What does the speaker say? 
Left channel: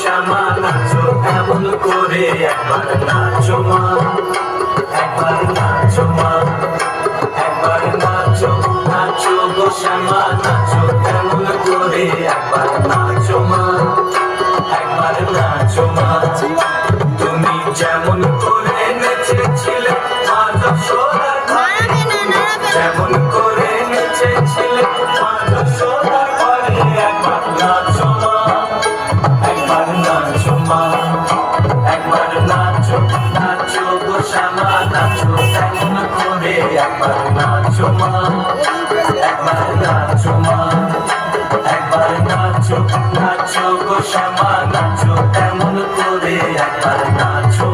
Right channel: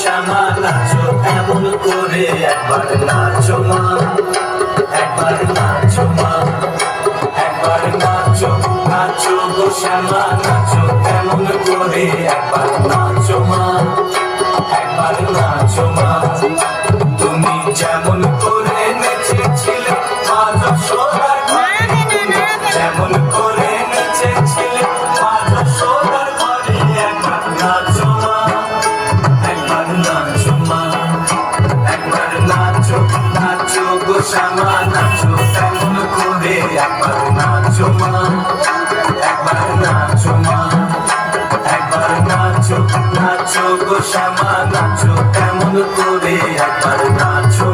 শ্যামা নাচো এমন করে একবার নাচো মা, একবার নাচো মা, একবার নাচো নাচো গো শ্যামা নাচো এমন করে একবার নাচো মা, একবার নাচো মা। তুমি যেমন করে নেচেছিলে মা যশোদার ঘরে, যেমন করে নেচেছিলে মা যশোদার ঘরে একবার নাচো মা, একবার নাচো মা, একবার নাচো নাচো গো শ্যামা নাচো এমন করে একবার নাচো মা, একবার নাচো মা, একবার নাচো নাচো গো শ্যামা নাচো এমন করে একবার নাচো